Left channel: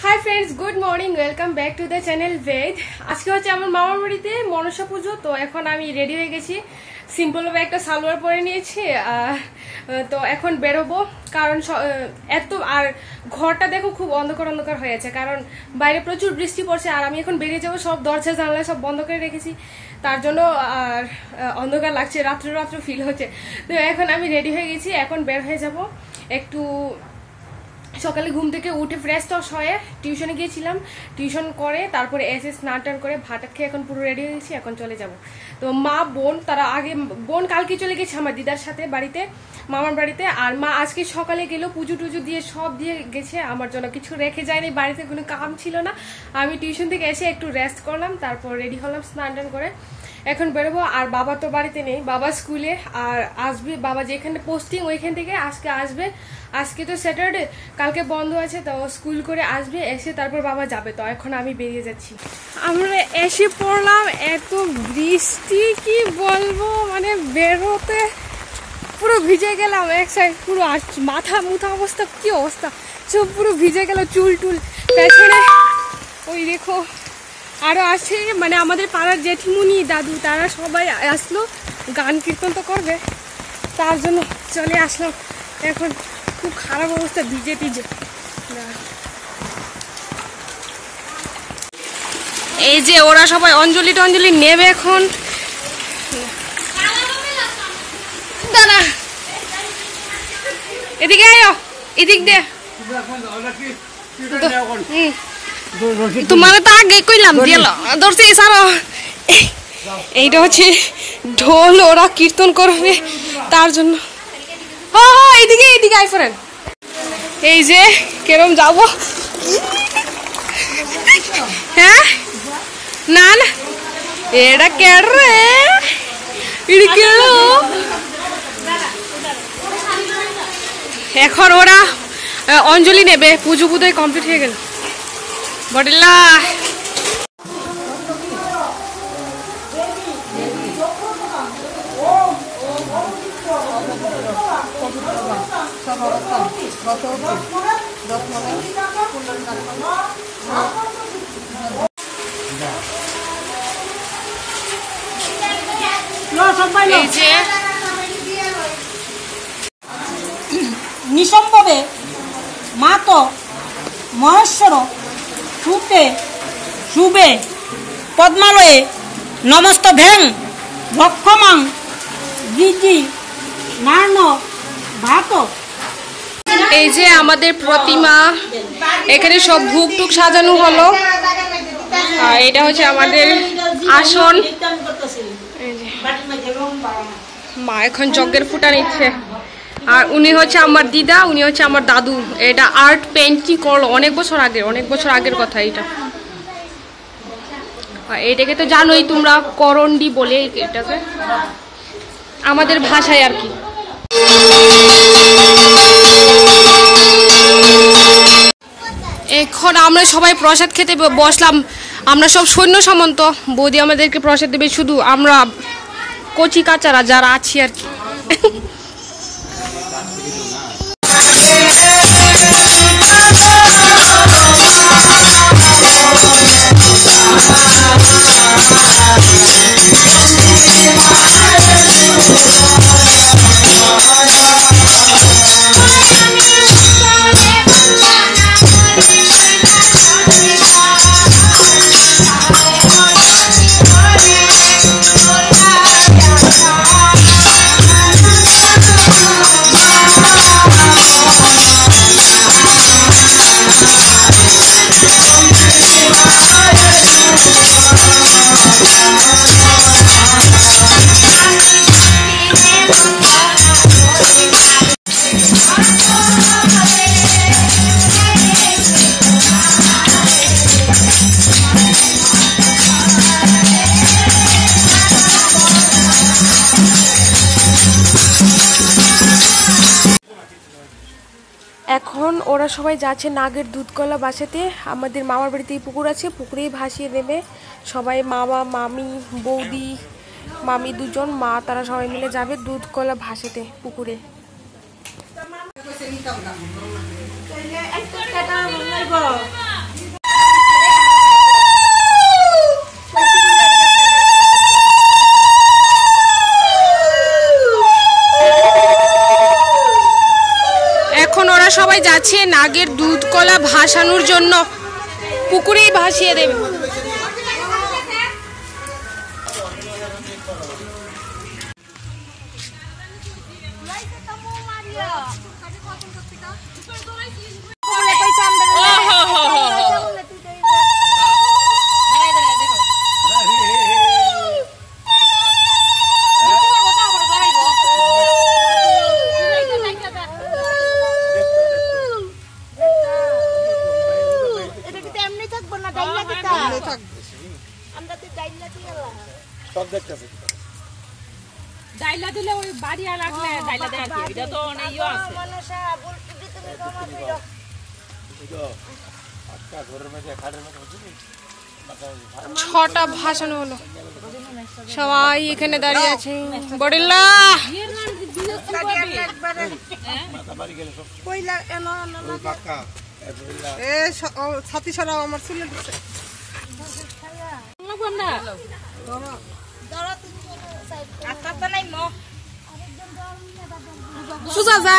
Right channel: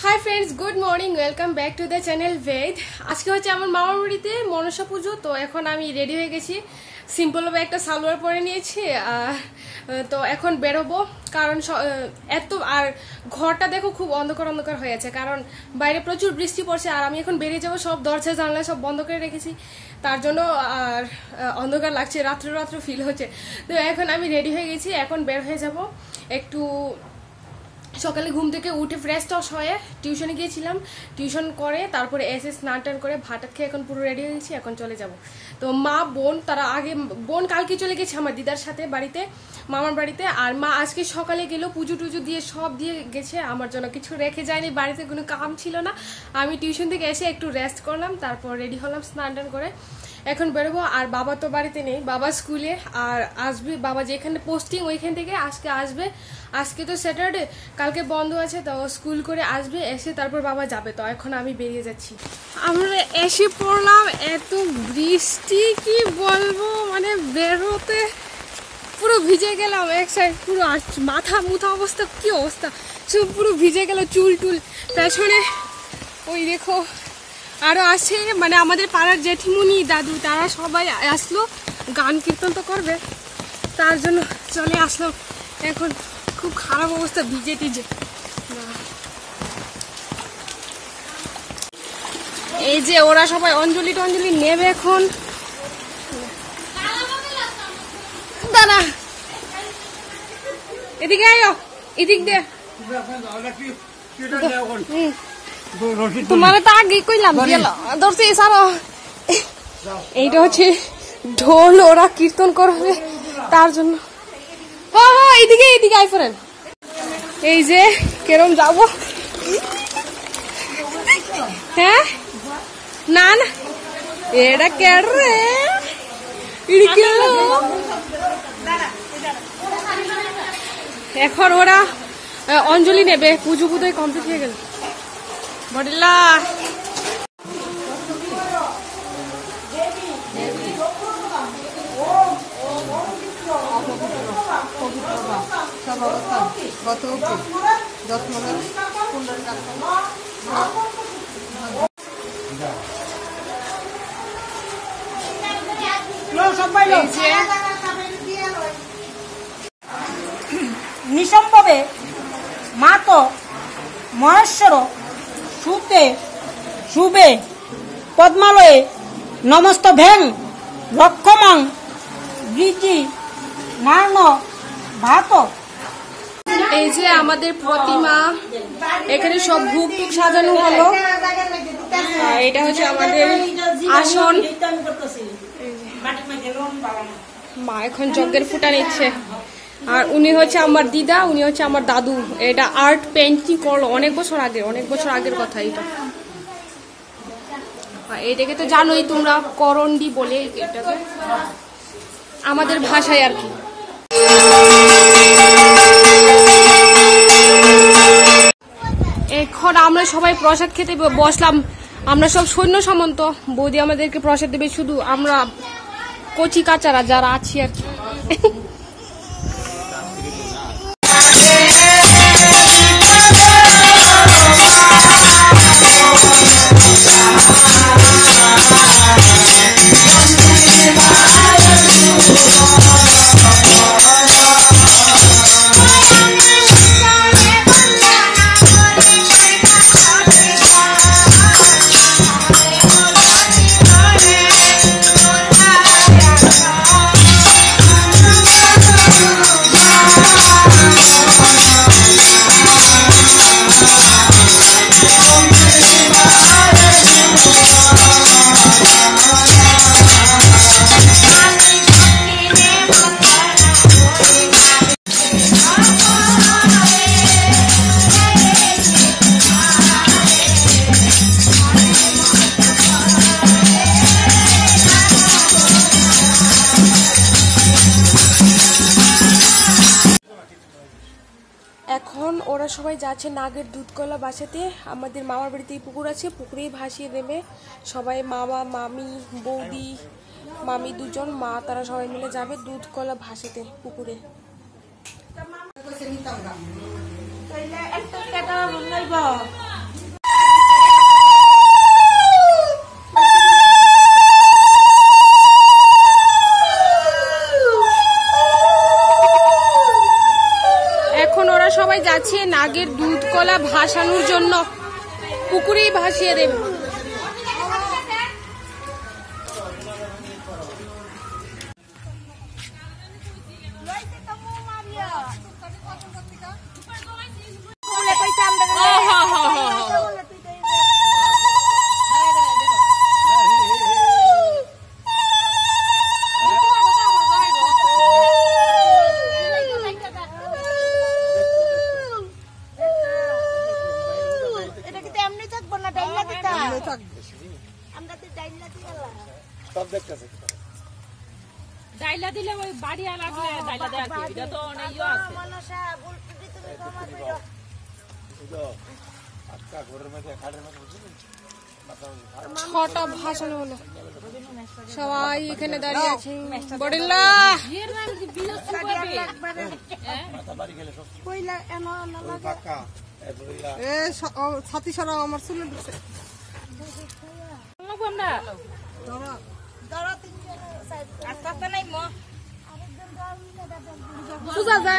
High friends good morning welcome back to the channel Ved. आज के হচ্ছে আমার মামার বাড়িতে মনসা পুজো, তো এখন আমি রেডি হয়ে গেছি। সিম্পল ভাবে একটা সালোয়ার পরে নিয়েছি, তো এখন বেরোবো। কারণ এত আর ঘরটা দেখো খুব অন্ধকার অন্ধকার হয়ে আছে, কারণ বাইরে প্রচুর বৃষ্টি পড়ছে আর আমি এখন বেরিয়ে যাবো। সব দরজা জানলা সব বন্ধ করে রেখেছি, তার জন্য আর অন্ধকার লাগছে, রাত্রে রাত্রে ফিল হচ্ছে। তো এখন আমি রেডি হয়ে গেছি, এখন বের হয়ে যাব। একটু সকালে ঘুম থেকে উঠে ফ্রেশ টস হয়ে টিউশনে গিয়েছিলাম, টিউশন করে তারপরে এসে স্নান টান করে ভাত খেয়ে এখন পুরো রেডি হয়ে গেছি, এখন চলে যাব। তো মা বোন তারা আগে, বোন কালকে চলে গেছে আমার দিদার সাথে বাড়িতে, মামার বাড়িতে। আর মা আজকে সকালে গেল, পুজো টুজো দিয়ে সব দিয়ে গেছে, আমার জন্য কিছু রেখে যায়নি, বাড়িতে কোনো কাম ছিল না। আমি টিউশন থেকে এসে একটু রেস্ট করলাম, তারপর রেডি হলাম স্নান টান করে, এখন বেরোবো। আর বাবা তো বাড়িতে নেই, বাবা স্কুলে আর আসবে, বাবা যেখানে পোস্টিং ওইখান থেকে আজকে আসবে। আজকে তো স্যাটারডে, কালকে বন্ধ আছে, তো স্কুল করে আসবে, এসে তারপর বাবা যাবে। তো এখন আমি বেরিয়ে যাচ্ছি। আমরা এসে পড়লাম, এত বৃষ্টি কি বলবো, মানে বেরোতে পুরো ভিজে গেলাম এক সাইড, পুরো মাথা মুথা অবস্থা, কি অবস্থা, সব পুরো ভিজে গেল, চুল টুল পেছনে ওই দেখো আরো আসে, মানে আমাদের পাড়ার জেঠিমুনি দাদু তারা সবাই আসলো, গান কীর্তন তো করবে, তার জন্য চলে আসলো। এখন খুব খারাপ অবস্থা, ভিজে টিজে। এই যে ওরা সবাই অঞ্জলি টঞ্জলি নেবে এখন। দাঁড়া, এদিকে আয়ো, এদিক দে। তোমার তো আগে কইলাম দিয়ে ধরছে সারো। এইটা হচ্ছে ঢোল, ওরা কীর্তন করবে, তার জন্য এইদিকে এইদিকে আই ফরেন। এই যে কেরম যাবো, হ্যাঁ না না এটা কেন রে, এখন ওরা অঞ্জলি নেবে, পুজো পুজোয় কমপ্লিট হয়ে গেল। বডিল্লা নিসম্ভবে মাত মহেশ্বর সুতে শুভে পদ্মালয়ে নমস্ত ভ্যাং রক্ষমাং গিজি নার্ন ভাত। এই যে আমাদের প্রতিমা, এখানে সব ভুগ টুক সাজানো হলো, আর এটা হচ্ছে আমাদের আসন। মা এখন যজ্ঞের ফুটা নিচ্ছে, আর উনি হচ্ছে আমার দিদা, উনি হচ্ছে আমার দাদু। এটা আর্ট পেন্টিং করলো অনেক বছর আগে, অনেক বছর আগের কথা এটা। এটাকে তো জানোই তোমরা, করন্ডি বলে এটাকে আমাদের ভাষায় আর কি। এখন আমরা সবাই প্রসাদ খেতে বসলাম, আমরা সব সৈন্য সামন্ত, বৌদি আমাদেরকে প্রসাদ দেবে, শুধু আমরা কচি কাচারা যারা আছি আর কি। এখন ওরা সবাই যাচ্ছে নাগের দুধকলা বাসাতে। আমাদের মামার বাড়িতেই পুকুর আছে, পুকুরেই ভাসিয়ে দেবে সবাই, মামা মামি বৌদি মামি দুজন, মা তারা সবাই মিলে যাবে দুধকলা ভাসাতে পুকুরে। যাচ্ছে নাগের দুধ কলা ভাসানোর জন্য, পুকুরেই ভাসিয়ে দেবে। ডাইলা দিলে ওই বাড়িয়া লাগলে ডাইলা দেয়া কি এটা তো অনেক ইয়ে আছে। মনসা বলতে দি তুমি ক্ষমা কইরো। এটা আটকা ঘরের মধ্যে খাটের মধ্যে হচ্ছে। ছটা ভাষণ হলো, সবাই এখানে দাঁড়িয়ে আছে। বড়িল্লা কইলা এনো এনো ওই পাকা এ ছাতি সরাও আমার চুলে দিছে না ধরো ধরো তিনজন সাইড আটকা তো নাই মো আরেকজন ধর সুজা যা।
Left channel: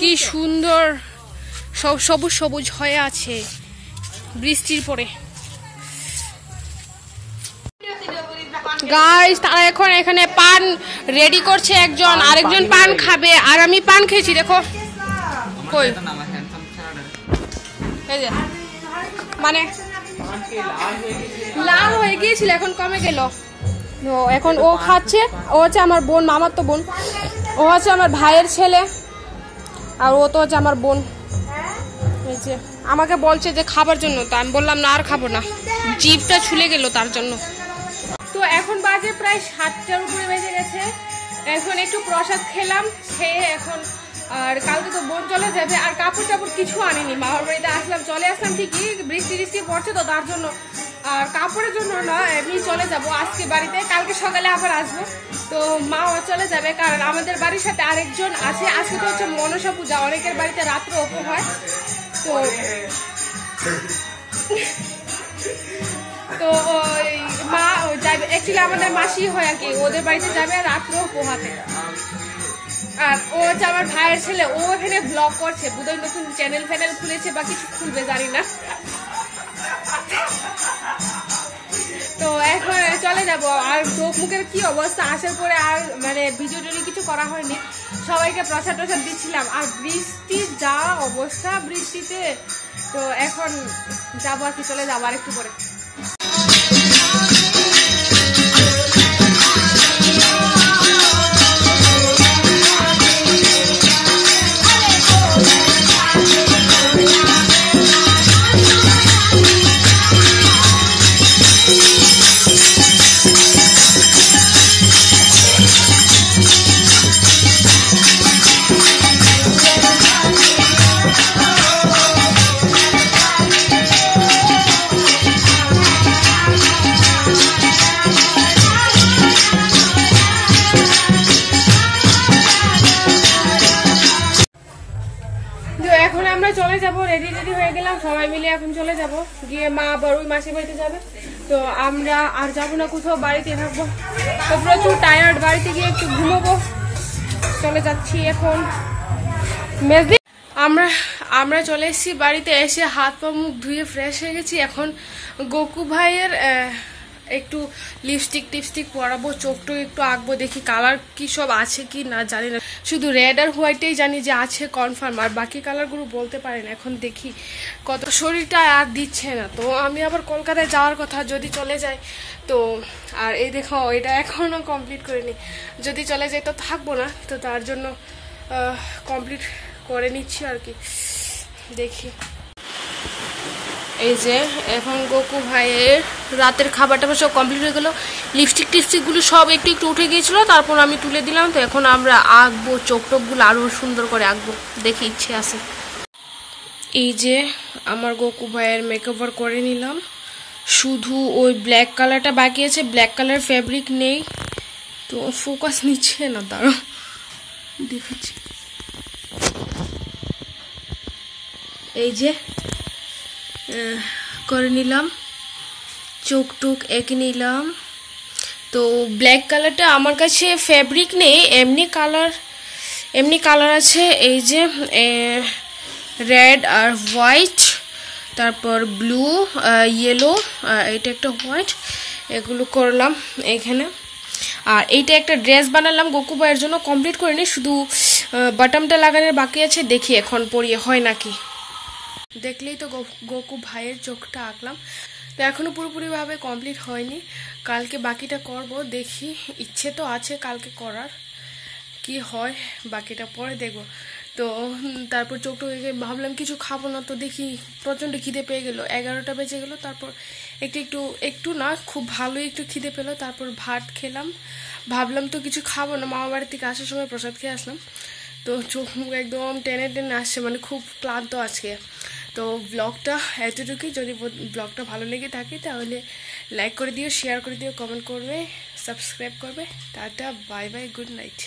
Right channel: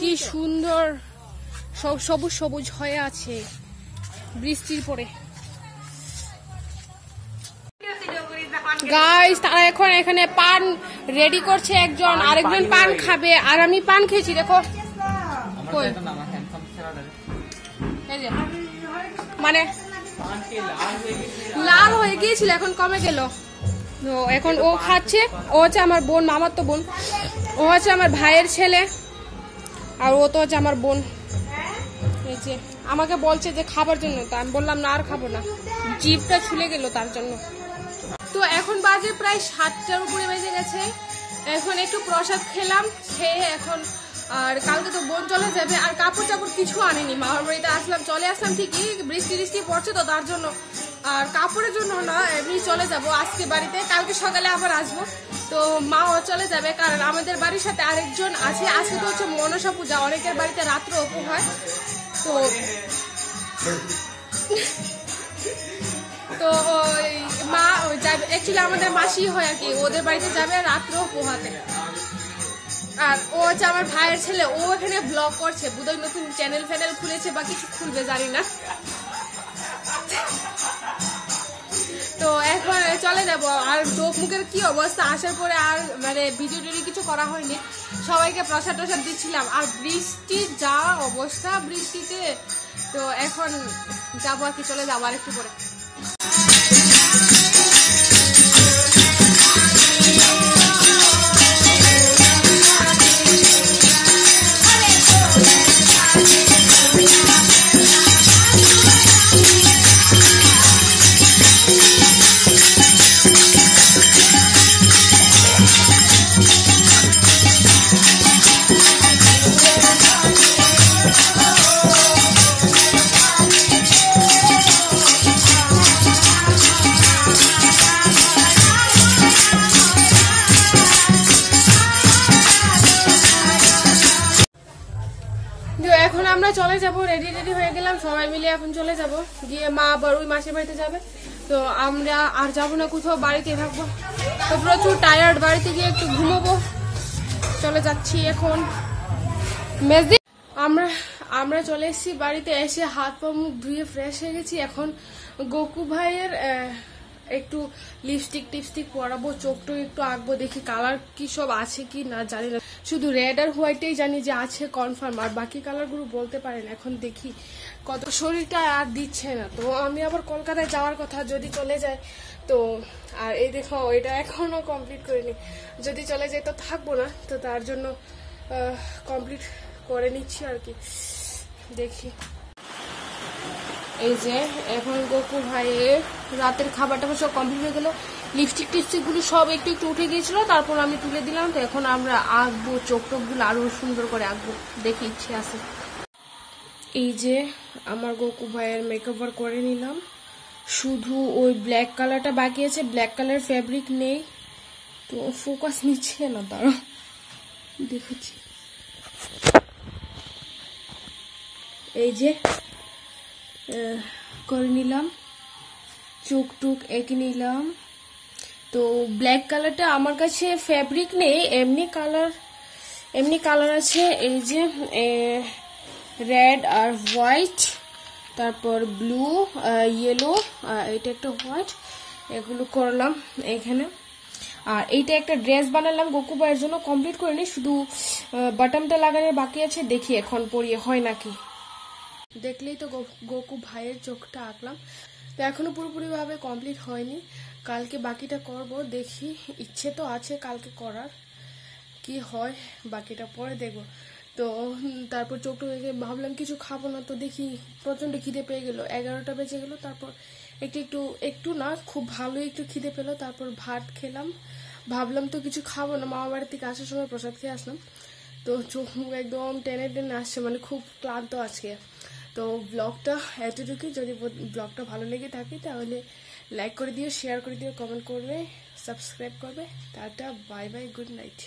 কি সুন্দর সব সবুজ সবুজ হয়ে আছে বৃষ্টির পরে। গাইস তারা এখন এখানে পান রেডি করছে, একজন আরেকজন পান খাবে আর আমি পান খেয়েছি। দেখো কই মানে লাল হয়ে গিয়েছিল, এখন কমে গেল। এখন ও খাচ্ছে, ও হচ্ছে আমার বোন, মামার তো বোন, ও হচ্ছে আমার ভাইয়ের ছেলে, আর ও তো হচ্ছে আমার বোন। এই যে আমাকে বলছে যে খাবার জন্য, তো আমি বললাম না আর খাবো না, জিভটা ছুলে গেল তার জন্য। তো এখন বাজে প্রায় 7টার উপরে বেজে গেছে। এখন একটু প্রসাদ খেলাম, খেয়ে এখন আর কালকে তো বোন চলে যাবে, আর কাপড় টাপড় কিছু আনিনি। মামার বাড়িতে আসলাম, চলে আসলাম ঠিকই, বৃষ্টি বৃষ্টি পড়ছে তো তার জন্য, আর কাপড়ের জন্য না, এমনি চলে যাব আজকে বাড়িতে, কালকে সকালে আবার আসবো। তো মাও চলে যাবে, কারণ আমাদের বাড়ির সাথে আরেকজন আছে, আজকে তো হচ্ছে মনসা পূজা, অনেকের বাড়িতে রাত্রে অপু হয়। তো তো ওই মা যাবে, অ্যাকচুয়ালি আমাদের মাসি হয় আর কি, ওদের বাড়িতে যাবে রাত্রেও পোহাতে। আর ও হচ্ছে আমার ভাইয়ের ছেলে, ও এখানে ব্লগ করছে, বোধহয় নতুন চ্যানেল ফ্যানেল খুলেছে বা কিছু খুলবে জানি না। তো এখন চলে যাব। আর চোখ মুখের কি অবস্থা, আসার পরে আর মানে ভিডিও টিডিও কিছু করা হয়নি, সবাইকে প্রসাদ টসাদ দিচ্ছিলাম। আর বৃষ্টির যা অবস্থা বৃষ্টিতে, তো এখন যাবো আর কি, চলে যাবো আর একটু পরে। এখন আমরা চলে যাব, রেডি রেডি হয়ে গেলাম সবাই মিলে, এখন চলে যাব, গিয়ে মা আবার ওই মাসির বাড়িতে যাবে। তো আমরা আর যাবো না কোথাও, বাড়িতে থাকবো। তো প্রচুর টায়ার্ড, বাড়িতে গিয়ে একটু ঘুমোবো। চলে যাচ্ছি এখন। আমরা চলে এসেছি বাড়িতে, এসে হাত পা মুখ ধুয়ে ফ্রেশ হয়ে গেছি। এখন গোকু ভাইয়ের একটু লিপস্টিক টিপস্টিক পরাবো, চোখটা একটু আঁকবো, দেখি কালার কি সব আছে কি না জানি না, শুধু রেড আর হোয়াইটেই জানি যে আছে কনফার্ম, আর বাকি কালারগুলো বলতে পারি না। এখন দেখি, কত শরীরটা আর দিচ্ছে না, তো আমি আবার কলকাতায় যাওয়ার কথা, যদি চলে যায় তো। আর এই দেখো এটা এখনো কমপ্লিট করিনি, যদি চলে যায় তো থাকবো না, তো তার জন্য কমপ্লিট করে নিচ্ছি আর কি, দেখি। এই যে এখন গোকু ভাইয়ের রাতের খাবারটা সব কমপ্লিট হয়ে গেল, লিপস্টিক টিপস্টিকগুলো সব একটু একটু উঠে গিয়েছিল, তারপর আমি তুলে দিলাম। তো এখন আমরা আঁকবো, চোখ টোকগুলো আরও সুন্দর করে আঁকবো, দেখি ইচ্ছে আছে। এই যে আমার গোকু ভাইয়ের মেকওভার করে নিলাম, শুধু ওই ব্ল্যাক কালারটা বাকি আছে, ব্ল্যাক কালার ফ্যাব্রিক নেই তো ফোকাস নিচ্ছে না, দাঁড়াও দেখেছি। এই যে করে নিলাম, চোখ টুক এঁকে নিলাম। তো ব্ল্যাক কালারটা আমার কাছে ফ্যাব্রিক নেই, এমনি কালার আছে। এই যে রেড আর হোয়াইট, তারপর ব্লু, ইয়েলো, এটা একটা হোয়াইট, এগুলো করলাম এখানে। আর এইটা একটা ড্রেস বানালাম গোকু ভাইয়ের জন্য, কমপ্লিট করিনি, শুধু বাটনটা লাগানোর বাকি আছে, দেখি এখন পরিয়ে হয় নাকি। দেখলেই তো গোকু ভাইয়ের চোখটা আঁকলাম, তো এখনও পুরোপুরিভাবে কমপ্লিট হয়নি, কালকে বাকিটা করব। দেখি, ইচ্ছে তো আছে কালকে করার, কি হয় বাকিটা পরে দেখব। তো তারপর চোখটা ভাবলাম কিছু খাবো না, তো দেখি প্রচণ্ড খিদে পেয়ে গেলো, 11টা বেজে গেলো। তারপর একটু না, খুব ভালোই একটু খিদে পেলো। তারপর ভাত খেলাম, ভাবলাম তো কিছু খাবো না, মামা বাড়ি থেকে আসার সময় প্রসাদ খেয়ে আসলাম। তো চোখ মুখ একদম টেনে টেনে আসছে, মানে খুব ক্লান্ত আজকে। তো ব্লগটা এতটুকুই, যদি ব্লগটা ভালো লেগে থাকে তাহলে লাইক করে দিও, শেয়ার করে দিও, কমেন্ট করবে, সাবস্ক্রাইব করবে। Tata, bye bye, good night.